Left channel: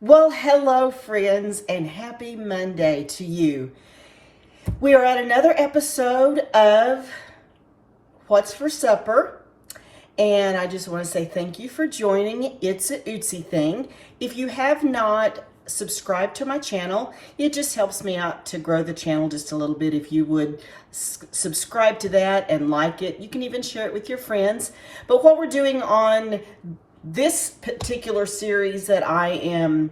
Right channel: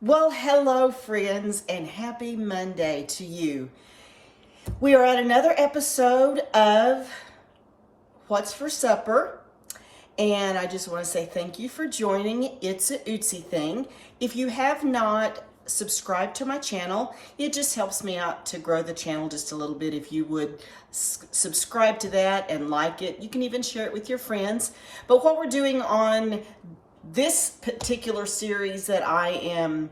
Well, hello, friends, and happy Monday to you. We are at another episode of What's for Supper, and I just want to say thank you for joining. It's a Ootsy thing. If you have not subscribed to my channel, it just helps me out to grow the channel just a little bit. If you would subscribe to that and like it, you can even share it with your friends. But what we're doing on this particular series that I am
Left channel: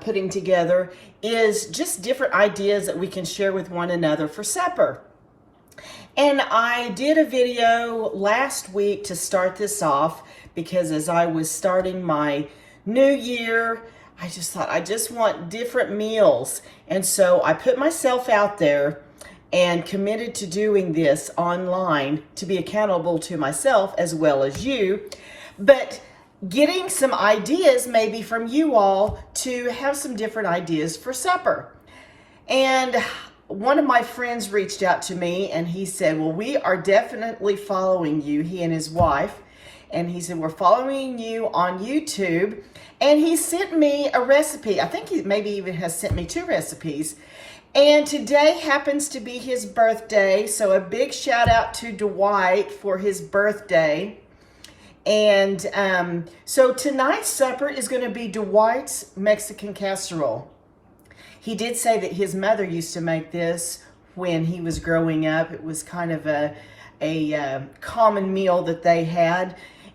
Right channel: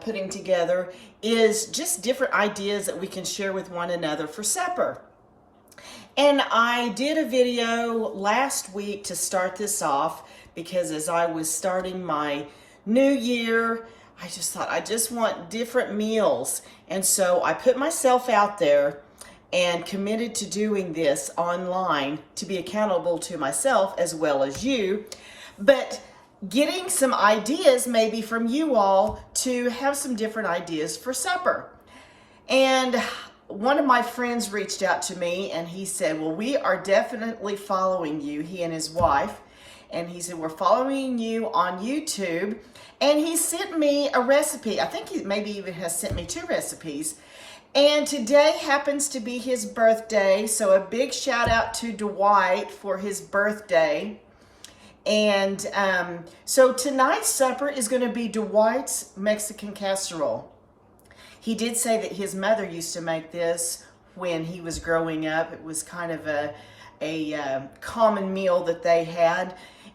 putting together is just different ideas that we can share with one another for supper. And I did a video last week to start this off because as I was starting my new year, I just thought I just want different meals. And so I put myself out there and committed to doing this online to be accountable to myself as well as you. But getting some ideas maybe from you all to have some different ideas for supper. And one of my friends reached out to me and he said, well, we are definitely following you, he and his wife. And he said, we're following you on YouTube. And he sent me a recipe. I think he maybe even has sent me 2 recipes. And today happens to be his birthday. So a big shout out to Dwight for his birthday. And so tonight's supper is going to be Dwight's Mexican Casserole. He did say that his mother used to make this when he was growing up. It was kind of a common meal that they had.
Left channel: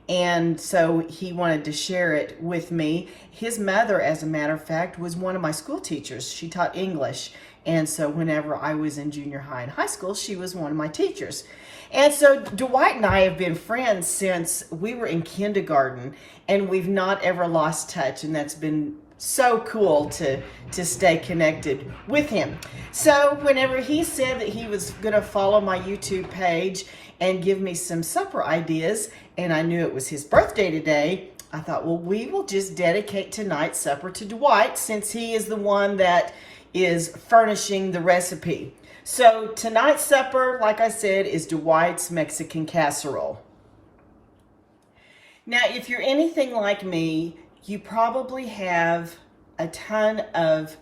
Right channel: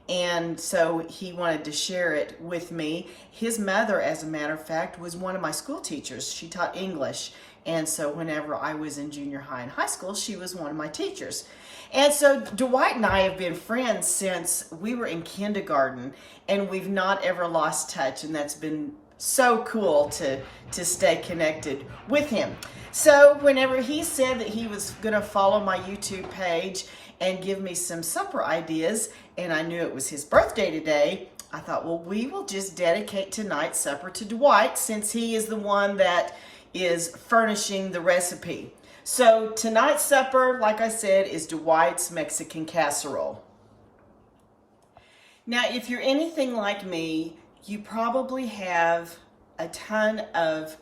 And so he wanted to share it with me. His mother, as a matter of fact, was one of my school teachers. She taught English. And so whenever I was in junior high and high school, she was one of my teachers. And so Dwight and I have been friends since we were in kindergarten, and we've not ever lost touch, and that's been so cool to stay connected with him. So whenever he said that he was going to follow my YouTube page and give me some supper ideas, and I knew it was his birthday today, I thought, well, we will just dedicate tonight's supper to Dwight since he is the one that is furnishing the recipe. So tonight's supper, like I said, is Dwight's Mexican Casserole. Now, if you're anything like me, you probably have a ton of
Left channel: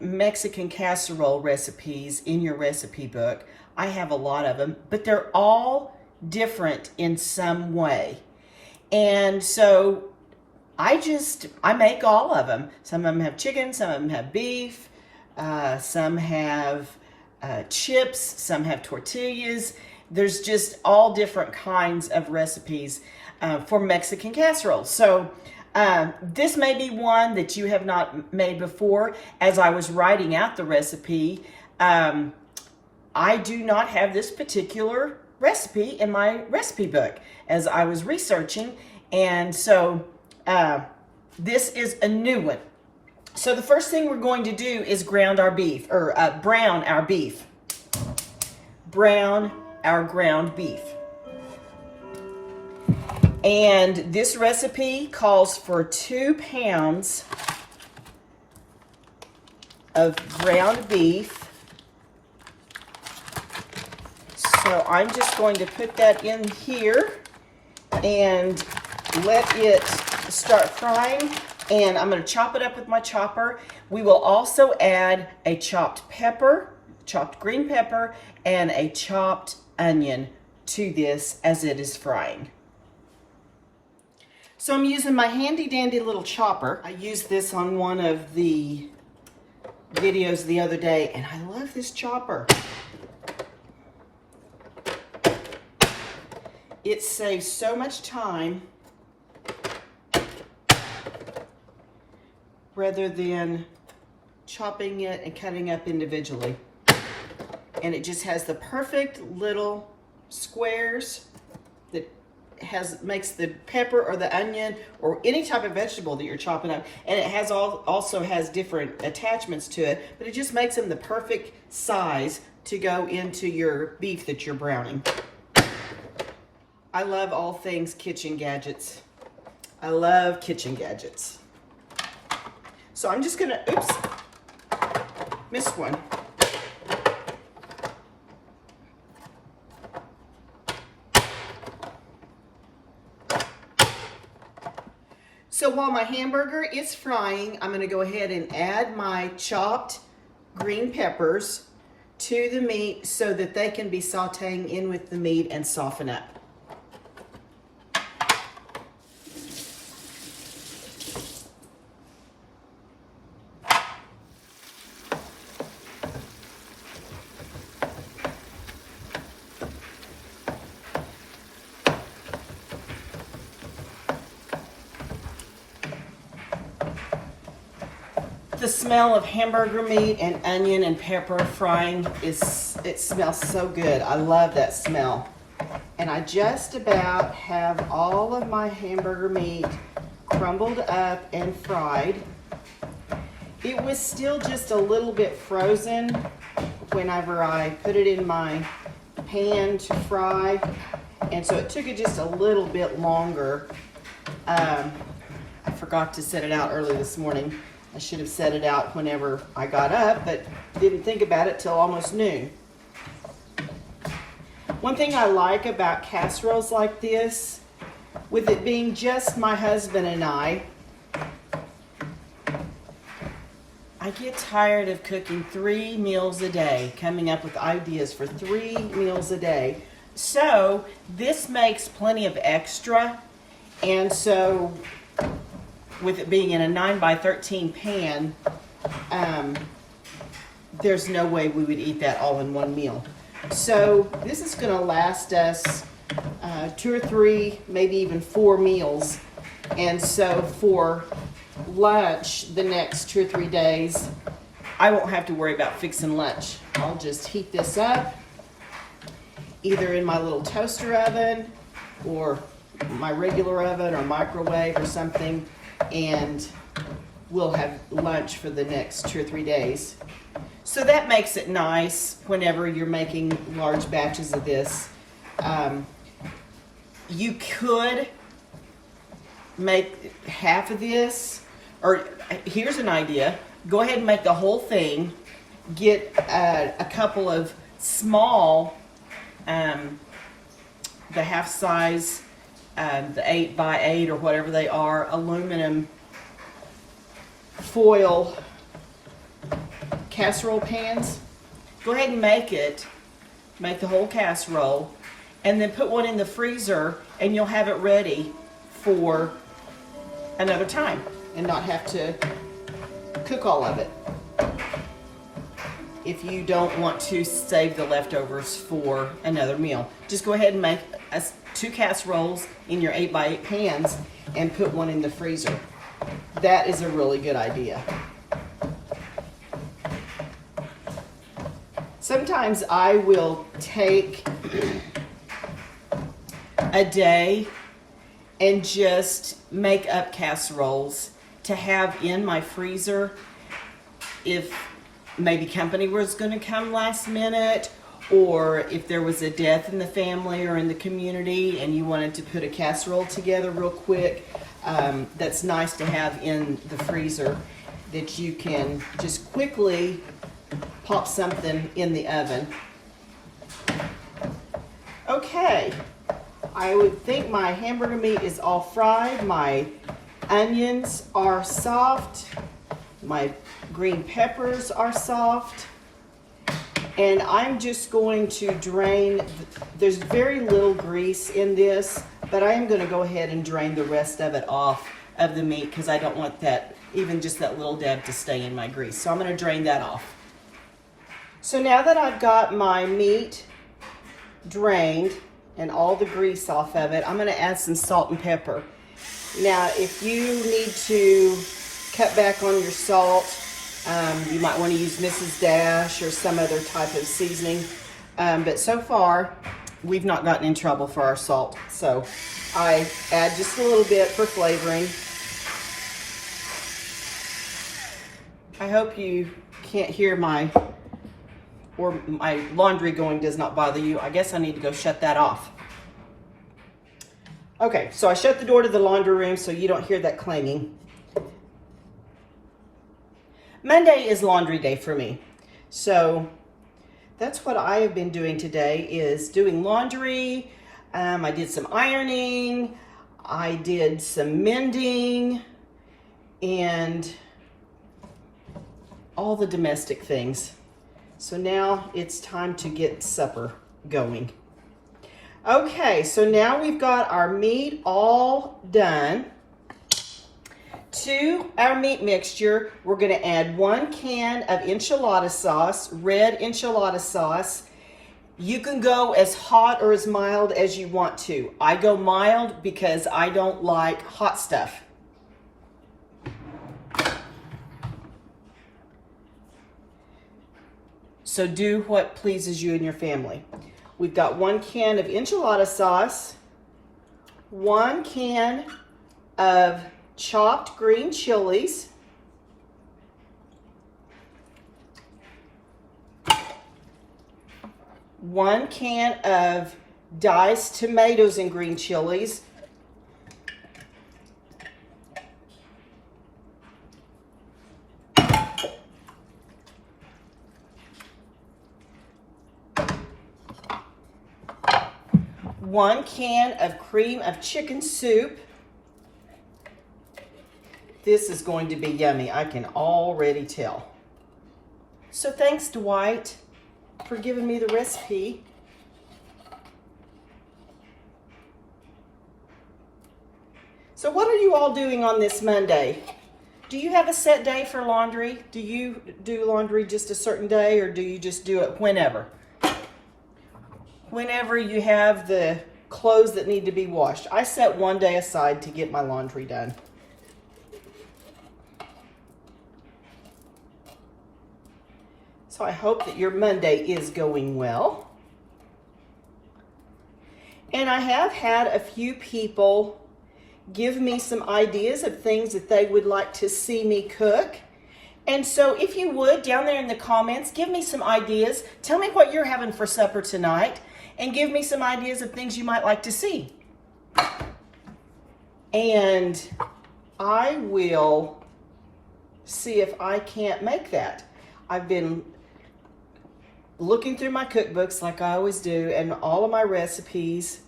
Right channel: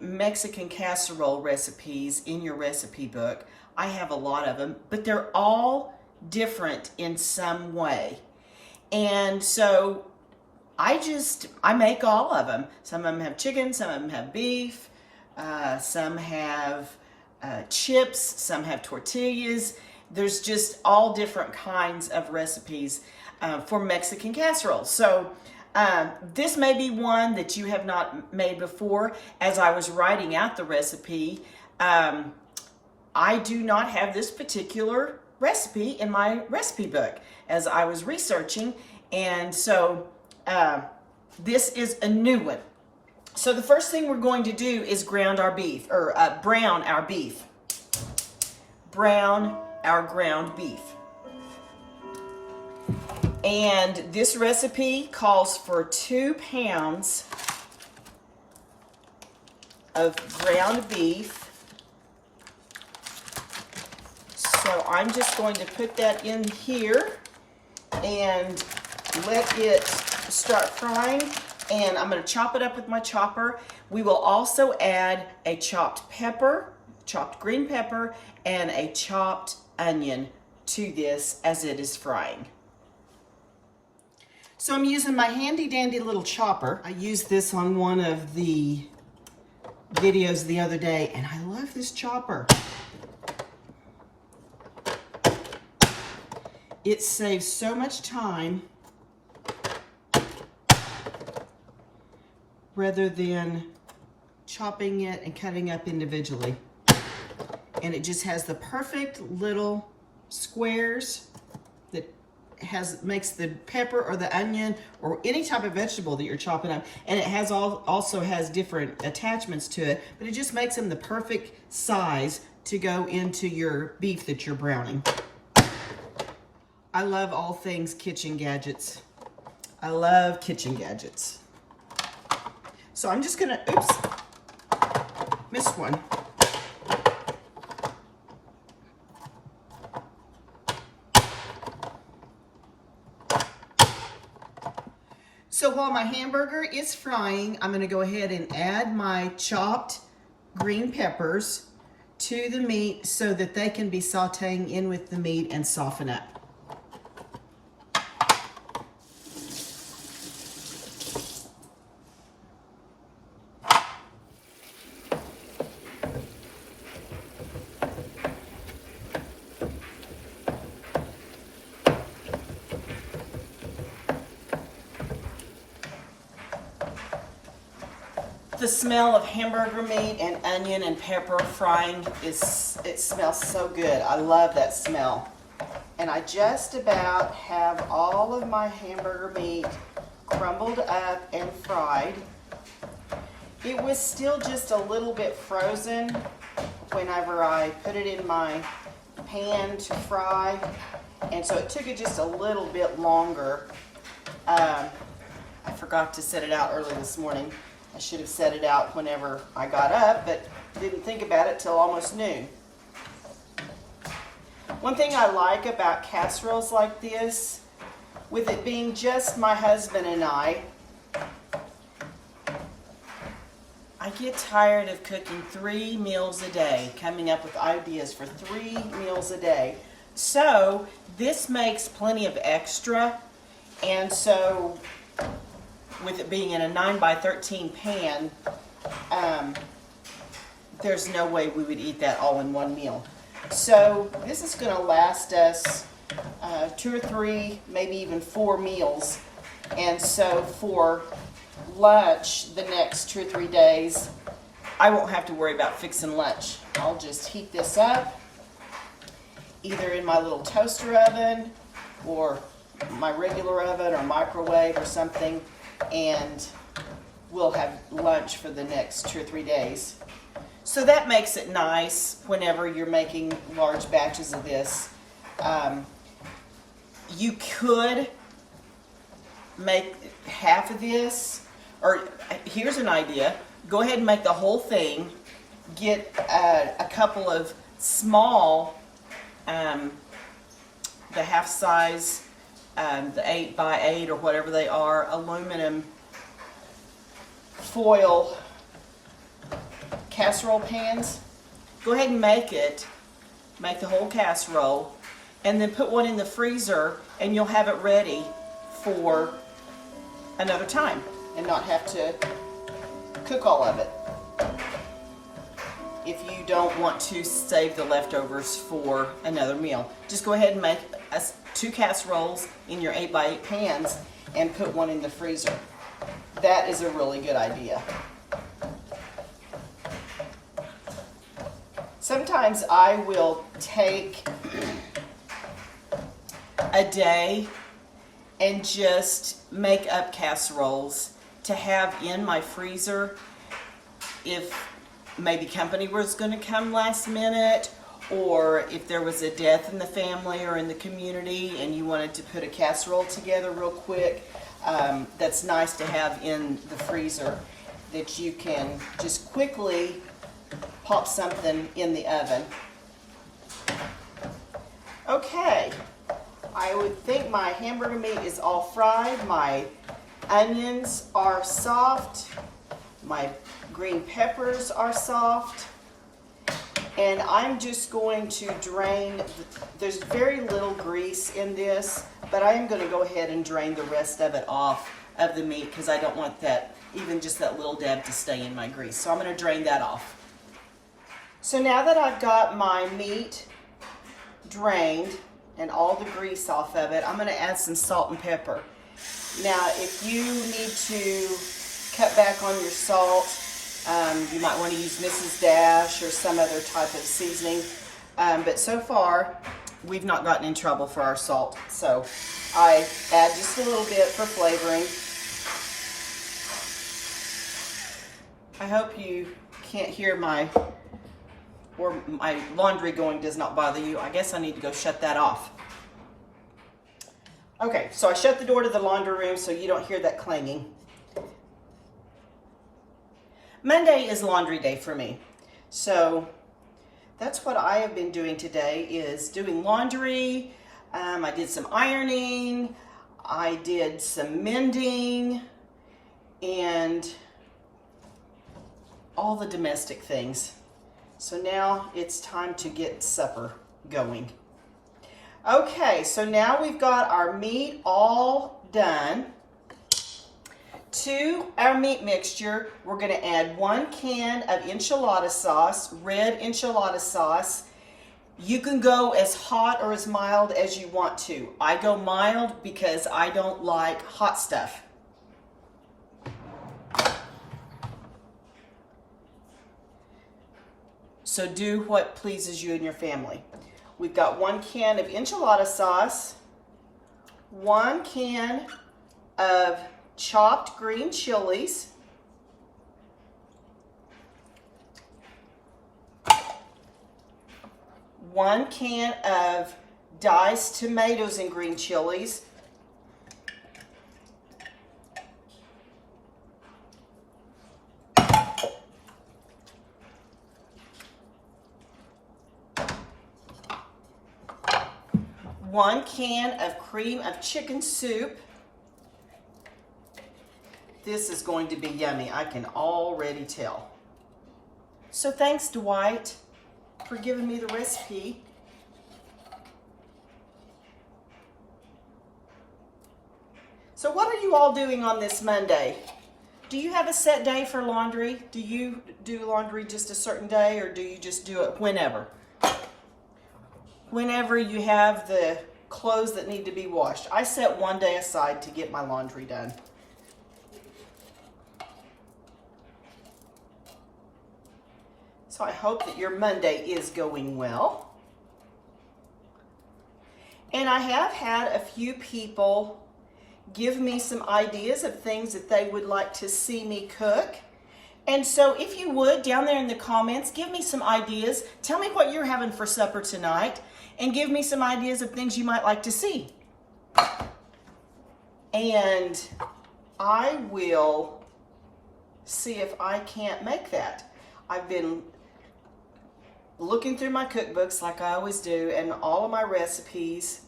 Mexican casserole recipes in your recipe book. I have a lot of them, but they're all different in some way. And so I make all of them. Some of them have chicken, some of them have beef, some have chips, some have tortillas. There's just all different kinds of recipes for Mexican casserole. So this may be one that you have not made before. As I was writing out the recipe, I do not have this particular recipe in my recipe book as I was researching. And so this is a new one. So the first thing we're going to do is brown our beef. Brown our ground beef. And this recipe calls for 2 pounds of ground beef. So I'm just going to put that in here and let it start frying. And I'm going to chop it up with my chopper. We will also add a chopped pepper, chopped green pepper, and a chopped onion to this as it is frying. So I'm using my handy dandy little chopper. I used this on one of the videos the other day, and I love this chopper. It saves so much time rather than chopping it and cutting up individually. And it just has the perfect little squares that makes the pepper or the onion or any type of vegetable that you're chopping up. And it has also has different attachments to it, but it just makes them the perfect size to go into your beef that you're browning. I love all things kitchen gadgets. I love kitchen gadgets. So I'm just gonna, oops, missed one. So while my hamburger is frying, I'm gonna go ahead and add my chopped green peppers to the meat so that they can be sauteing in with the meat and soften up. The smell of hamburger meat and onion and pepper frying it smells so good. I love that smell. And I just about have all of my hamburger meat crumbled up and fried. It was still just a little bit frozen whenever I put it in my pan to fry. And so it took it just a little bit longer. I forgot to set it out early this morning. I should have set it out whenever I got up, but didn't think about it till almost noon. One thing I like about casseroles like this, with it being just my husband and I get tired of cooking 3 meals a day, coming up with ideas for 3 meals a day. So this makes plenty of extra, and so with it being in a 9x13 pan, there's no way we would eat that all in one meal. So this is going to last us 2 or 3, maybe even 4 meals. And so for lunch the next 2 or 3 days, I won't have to worry about fixing lunch. I'll just heat this up either in my little toaster oven or my regular oven or microwave or something, and we'll have lunch for the next 2 or 3 days. So that makes it nice whenever you're making large batches of this. You could make half of this, or here's an idea. Go ahead and make the whole thing. Get a couple of small, the half size, the 8x8 or whatever they are, aluminum foil casserole pans. Go ahead and make the whole casserole, and then put one in the freezer, and you'll have it ready for another time and not have to cook all of it. If you don't want to save the leftovers for another meal, just go ahead and make 2 casseroles in your 8x8 pans and put one in the freezer. That is a really good idea. Sometimes I will take a day and just make up casseroles to have in my freezer if maybe company was going to come last minute, or if there was a death in the family or in the community and you wanted to put a casserole together real quick. That's nice to have in the freezer, that you can just quickly pop something in the oven. Okay, I would think my hamburger meat is all fried. My onions are soft. My green peppers are soft. And I'm just going to drain, there's very little grease in this, but I am going to go ahead and drain the rest of it off of the meat because I don't want that, even just that little dab, to stay in my grease. So I'm going to drain that off. So now that I've got my meat drained and all the grease off of it, I'm going to add some salt and pepper. Now, if you need to cut back on your salt, you might want to use Mrs. Dash or some other type of seasoning. But so far, we've not gotten in trouble for our salt. So I add just a little bit for flavoring. I hope you can't hear my laundry going does not bother you. I guess I need to go shut that off. Okay, so I shut the door to the laundry room so you don't hear that clanging. Monday is laundry day for me. So that's what I have been doing today, is doing laundry. I did some ironing. I did some mending. and all the domestic things. So now it's time to get supper going. Okay, so now we've got our meat all done. To our meat mixture, we're going to add 1 can of enchilada sauce, red enchilada sauce. You can go as hot or as mild as you want to. I go mild because I don't like hot stuff. So do what pleases you and your family. We've got 1 can of enchilada sauce, 1 can of chopped green chilies, 1 can of diced tomatoes and green chilies, 1 can of cream of chicken soup. This is going to be yummy, I can already tell. So thanks, Dwight, for giving me the recipe. So what are you all doing on this Monday? Do you have a set day for laundry? Do you do laundry just a certain day, or do you just do it whenever? Whenever you have the clothes that need to be washed. I set 1 day aside to get my laundry done. So I hope that your Monday is going well. And I have had a few people give me some ideas of things that they would like to see me cook. And so if you would, down there in the comments, give me some ideas. Tell me what you're having for supper tonight, and give me some ideas of things you might like to see. And I will see if I can't make that. I've been looking through my cookbooks like I always do, and all of my recipes,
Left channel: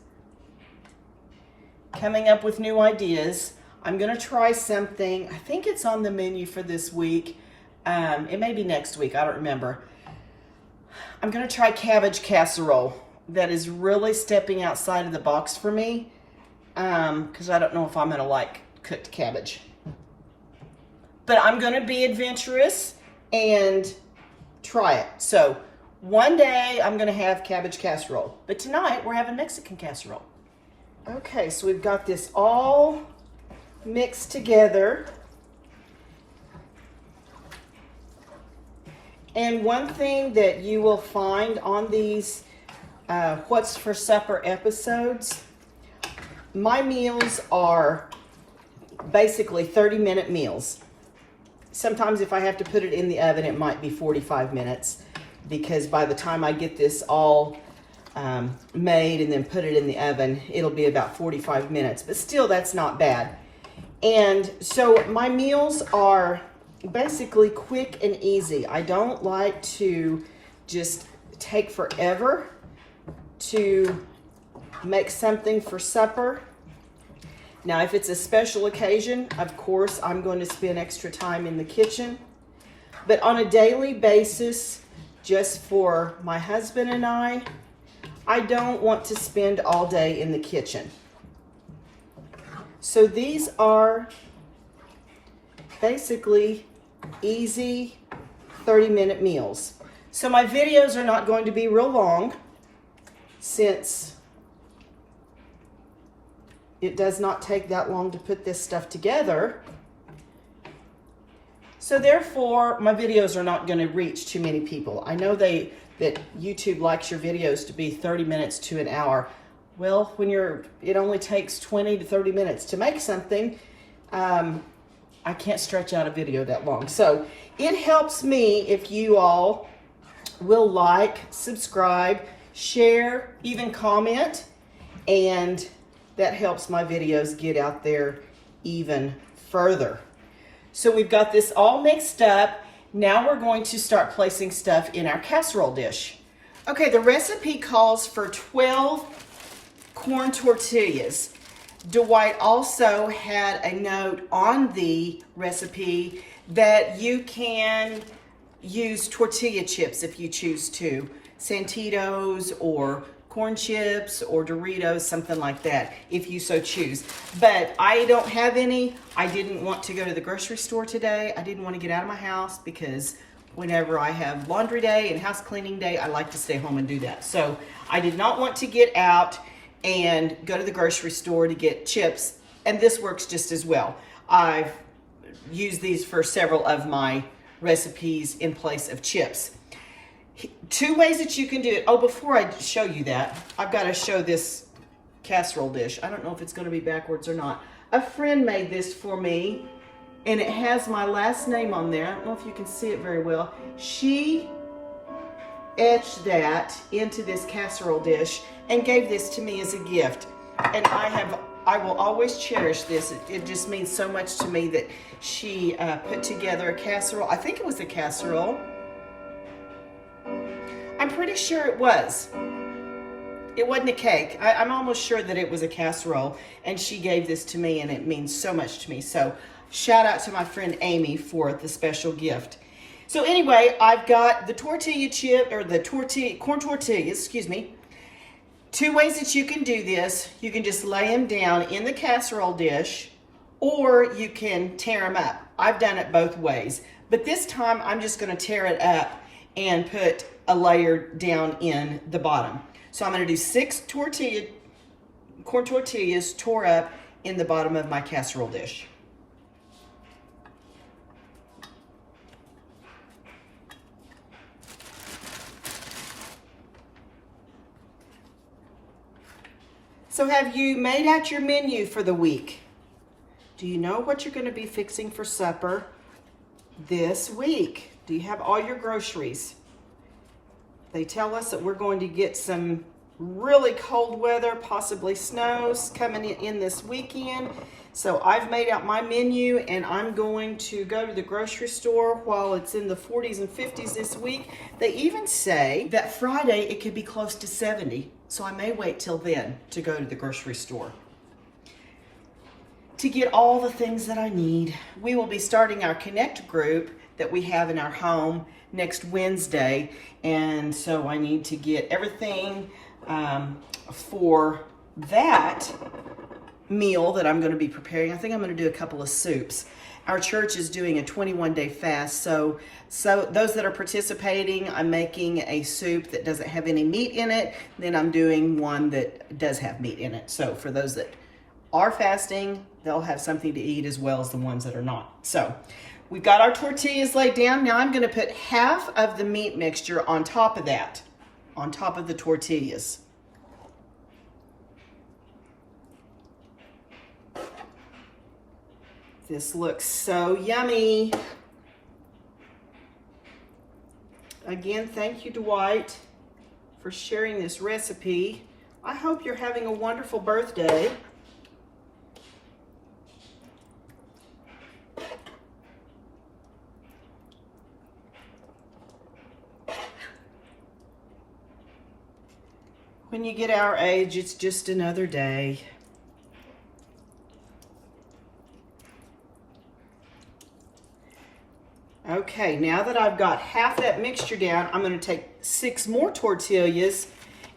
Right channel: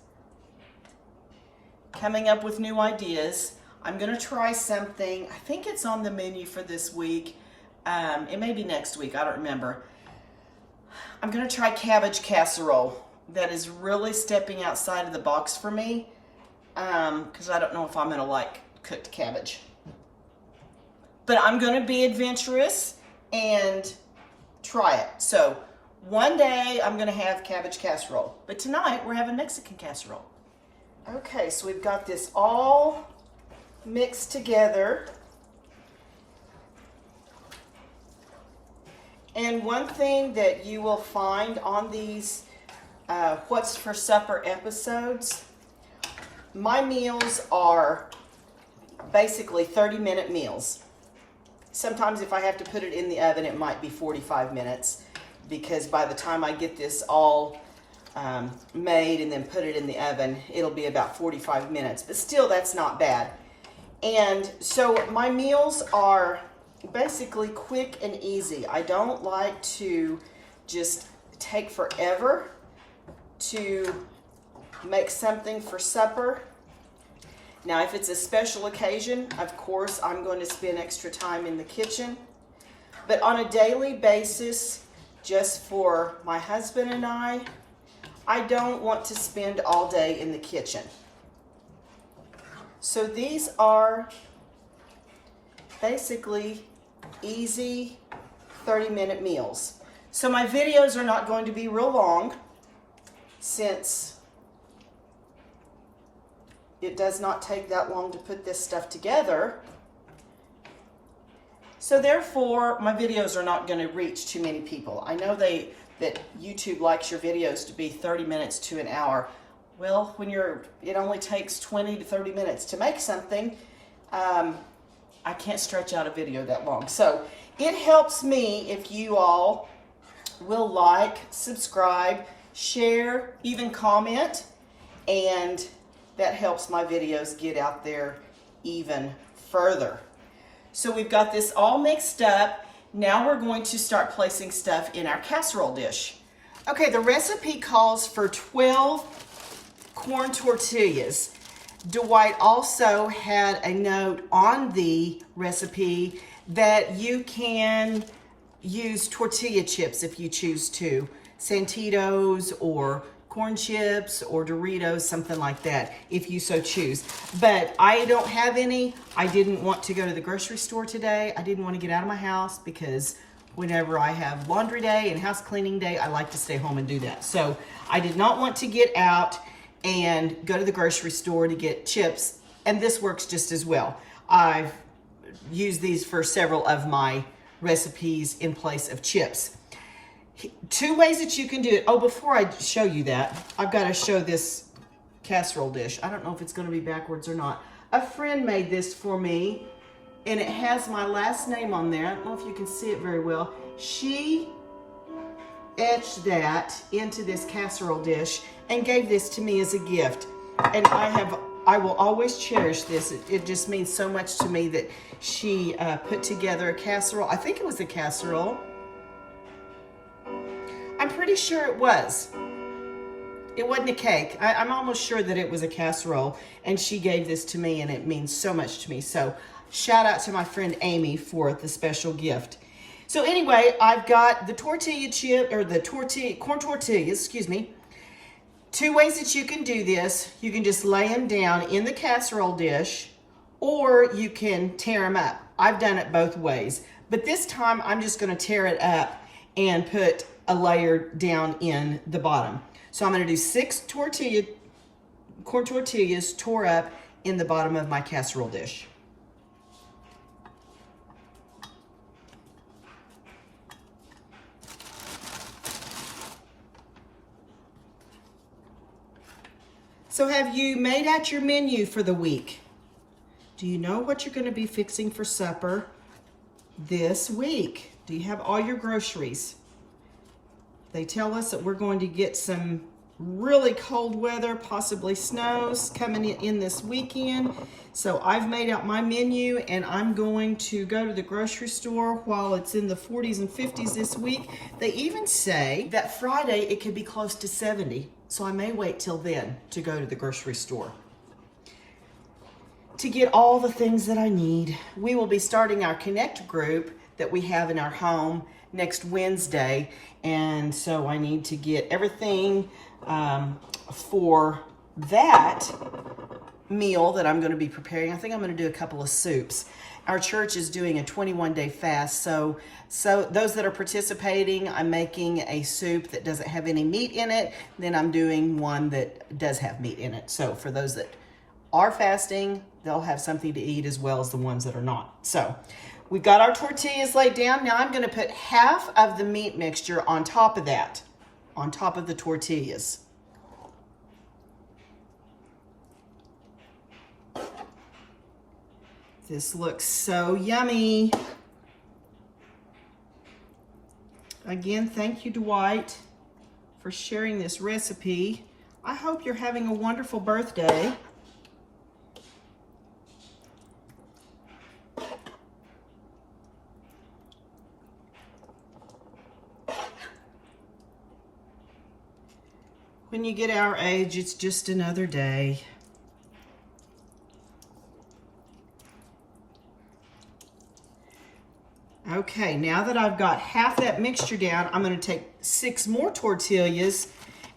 coming up with new ideas. I'm gonna try something. I think it's on the menu for this week. It may be next week, I don't remember. I'm gonna try cabbage casserole. That is really stepping outside of the box for me, because I don't know if I'm gonna like cooked cabbage. But I'm gonna be adventurous and try it. So one day I'm gonna have cabbage casserole, but tonight we're having Mexican casserole. Okay, so we've got this all mixed together. And one thing that you will find on these What's for Supper episodes, my meals are basically 30-minute meals. Sometimes if I have to put it in the oven, it might be 45 minutes, because by the time I get this all made and then put it in the oven, it'll be about 45 minutes, but still that's not bad. And so my meals are basically quick and easy. I don't like to just take forever to make something for supper. Now, if it's a special occasion, of course, I'm going to spend extra time in the kitchen. But on a daily basis, just for my husband and I don't want to spend all day in the kitchen. So these are basically easy 30-minute meals. So my videos are not going to be real long, since it does not take that long to put this stuff together. So therefore, my videos are not going to reach too many people. I know that YouTube likes your videos to be 30 minutes to an hour. Well, when it only takes 20 to 30 minutes to make something, I can't stretch out a video that long. So it helps me if you all will like, subscribe, share, even comment, and that helps my videos get out there even further. So we've got this all mixed up. Now we're going to start placing stuff in our casserole dish. Okay, the recipe calls for 12 corn tortillas. Dwight also had a note on the recipe that you can use tortilla chips if you choose to. Santitos or corn chips or Doritos, something like that, if you so choose. But I don't have any. I didn't want to go to the grocery store today. I didn't want to get out of my house because whenever I have laundry day and house cleaning day, I like to stay home and do that. So I did not want to get out and go to the grocery store to get chips, and this works just as well. I've used these for several of my recipes in place of chips. Two ways that you can do it. Oh, before I show you that, I've got to show this casserole dish. I don't know if it's going to be backwards or not. A friend made this for me, and it has my last name on there. I don't know if you can see it very well. She etched that into this casserole dish and gave this to me as a gift. And I will always cherish this. It just means so much to me that she put together a casserole. I think it was a casserole. I'm pretty sure it was. It wasn't a cake. I'm almost sure that it was a casserole, and she gave this to me, and it means so much to me. So shout out to my friend Amy for the special gift. So anyway, I've got the tortilla chip, or the corn tortillas, excuse me. Two ways that you can do this. You can just lay them down in the casserole dish, or you can tear them up. I've done it both ways, but this time I'm just going to tear it up and put a layer down in the bottom. So I'm going to do 6 corn tortillas tore up in the bottom of my casserole dish. So have you made out your menu for the week? Do you know what you're going to be fixing for supper this week? Do you have all your groceries? They tell us that we're going to get some really cold weather, possibly snows coming in this weekend. So I've made out my menu, and I'm going to go to the grocery store while it's in the 40s and 50s this week. They even say that Friday it could be close to 70. So I may wait till then to go to the grocery store to get all the things that I need. We will be starting our Connect group that we have in our home next Wednesday. And so I need to get everything for that meal that I'm going to be preparing. I think I'm going to do a couple of soups. Our church is doing a 21-day fast, so those that are participating, I'm making a soup that doesn't have any meat in it. Then I'm doing one that does have meat in it. So for those that are fasting, they'll have something to eat as well as the ones that are not. So we've got our tortillas laid down. Now I'm going to put half of the meat mixture on top of that, on top of the tortillas. This looks so yummy. Again, thank you, Dwight, for sharing this recipe. I hope you're having a wonderful birthday. When you get our age, it's just another day. Okay, now that I've got half that mixture down, I'm going to take 6 more tortillas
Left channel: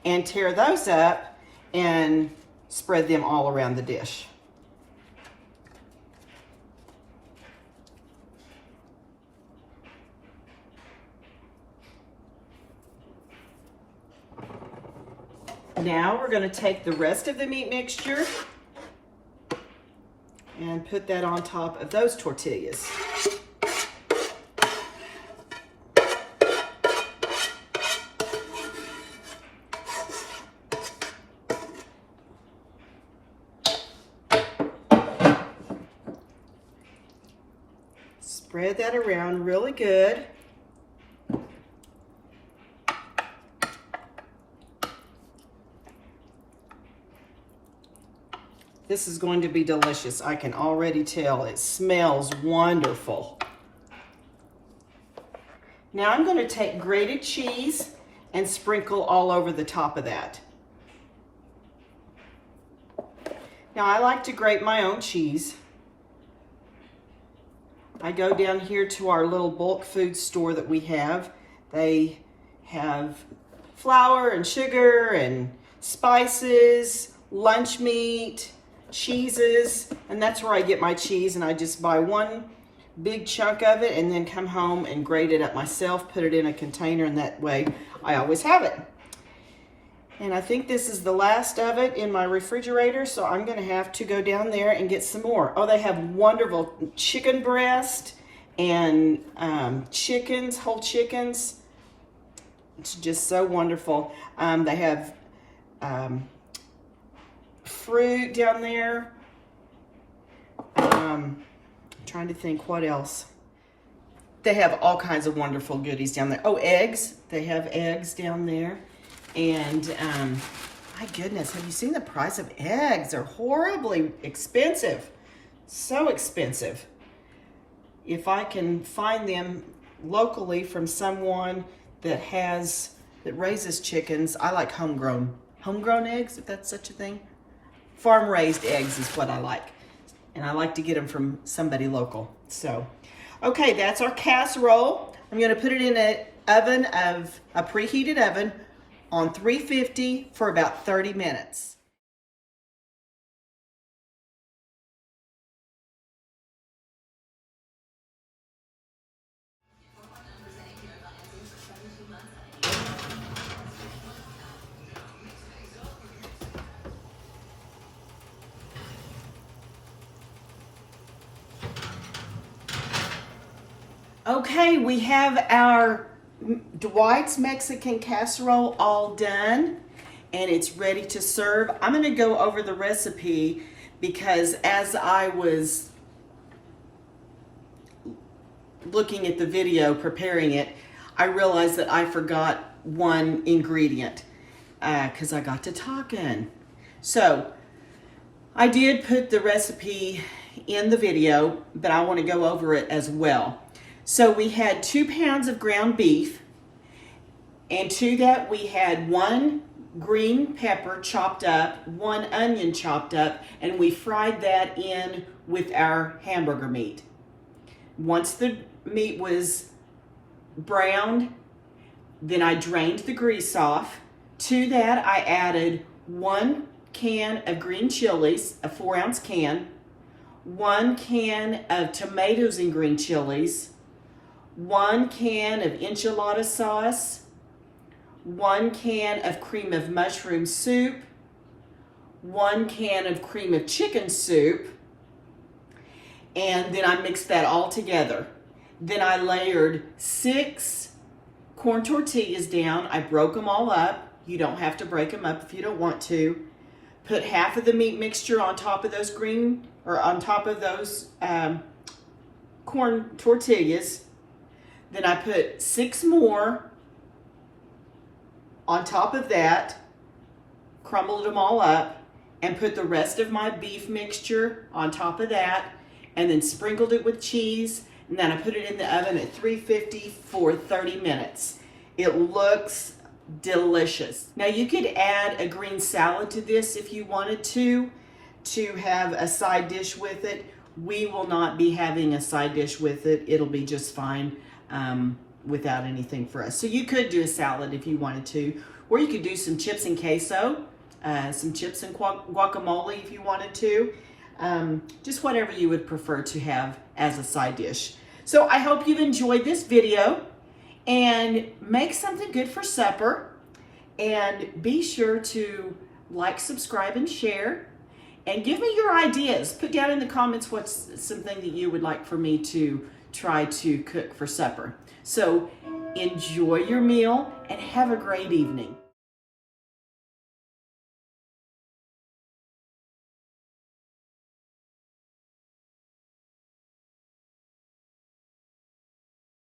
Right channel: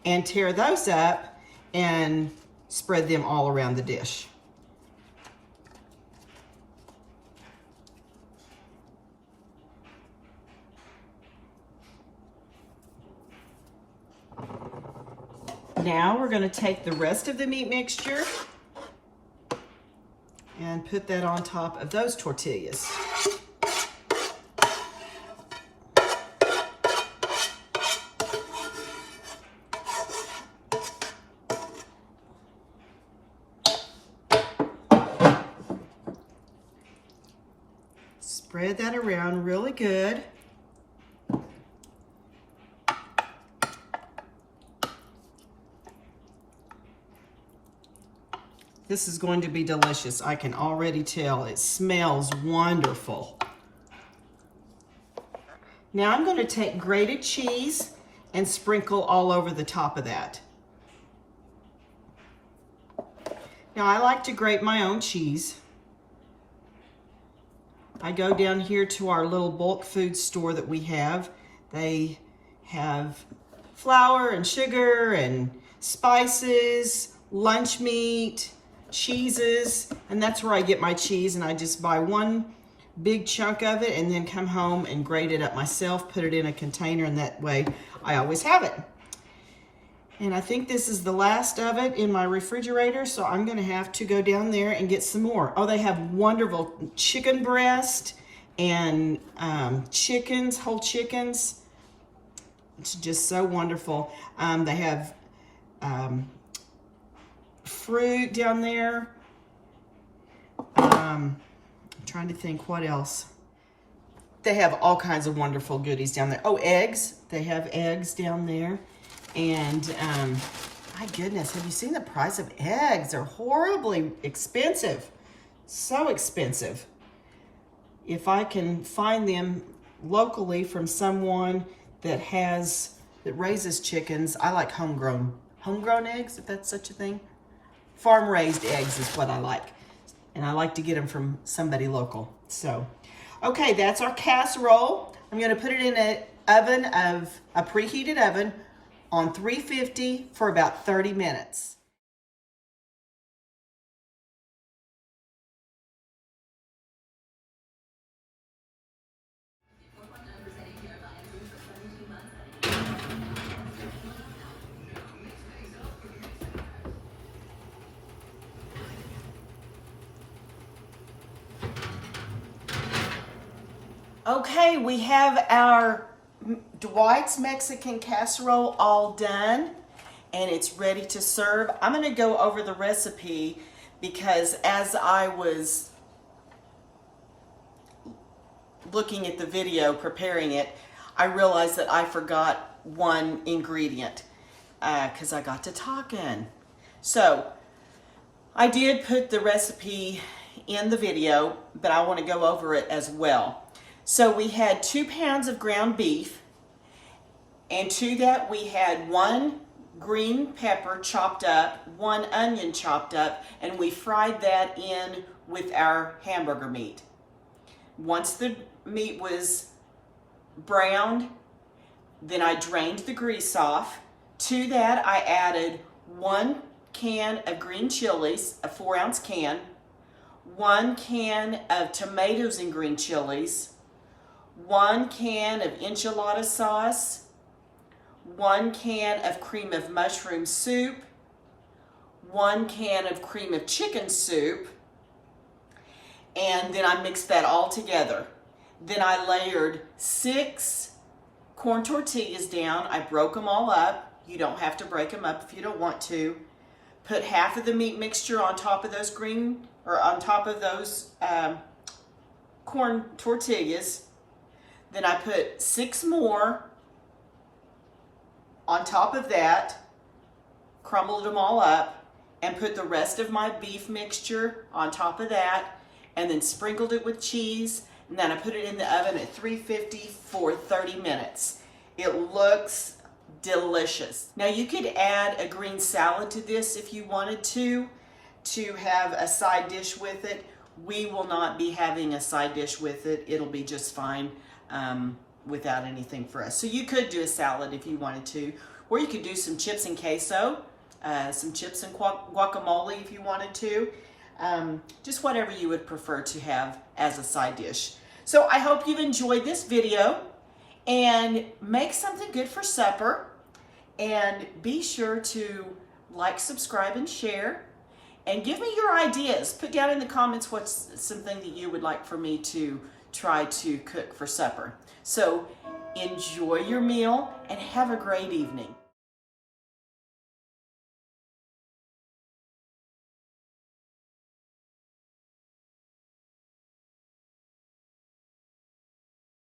and tear those up and spread them all around the dish. Now we're going to take the rest of the meat mixture and put that on top of those tortillas. Spread that around really good. This is going to be delicious. I can already tell. It smells wonderful. Now I'm going to take grated cheese and sprinkle all over the top of that. Now I like to grate my own cheese. I go down here to our little bulk food store that we have. They have flour and sugar and spices, lunch meat, cheeses, and that's where I get my cheese, and I just buy one big chunk of it and then come home and grate it up myself, put it in a container, and that way I always have it. And I think this is the last of it in my refrigerator, so I'm gonna have to go down there and get some more. Oh, they have wonderful chicken breast and chickens, whole chickens. It's just so wonderful. They have fruit down there. I'm trying to think what else. They have all kinds of wonderful goodies down there. Oh, eggs. They have eggs down there. And my goodness, have you seen the price of eggs? They're horribly expensive. So expensive. If I can find them locally from someone that raises chickens, I like homegrown eggs, if that's such a thing. Farm raised eggs is what I like. And I like to get them from somebody local. So, okay, that's our casserole. I'm gonna put it in a preheated oven on 350 for about 30 minutes. Okay, we have our Dwight's Mexican Casserole all done, and it's ready to serve. I'm gonna go over the recipe because as I was looking at the video, preparing it, I realized that I forgot one ingredient because I got to talking. So I did put the recipe in the video, but I want to go over it as well. So we had 2 pounds of ground beef, and to that we had 1 green pepper chopped up, 1 onion chopped up, and we fried that in with our hamburger meat. Once the meat was browned, then I drained the grease off. To that I added 1 can of green chilies, a 4-ounce can, 1 can of tomatoes and green chilies, 1 can of enchilada sauce, 1 can of cream of mushroom soup, 1 can of cream of chicken soup, and then I mixed that all together. Then I layered 6 corn tortillas down. I broke them all up. You don't have to break them up if you don't want to. Put half of the meat mixture on top of those corn tortillas. Then I put 6 more on top of that, crumbled them all up, and put the rest of my beef mixture on top of that, and then sprinkled it with cheese, and then I put it in the oven at 350 for 30 minutes. It looks delicious. Now you could add a green salad to this if you wanted to have a side dish with it. We will not be having a side dish with it. It'll be just fine without anything for us. So you could do a salad if you wanted to, or you could do some chips and queso, some chips and guacamole if you wanted to. Just whatever you would prefer to have as a side dish. So I hope you've enjoyed this video, and make something good for supper, and be sure to like, subscribe, and share, and give me your ideas. Put down in the comments what's something that you would like for me to try to cook for supper. So enjoy your meal and have a great evening.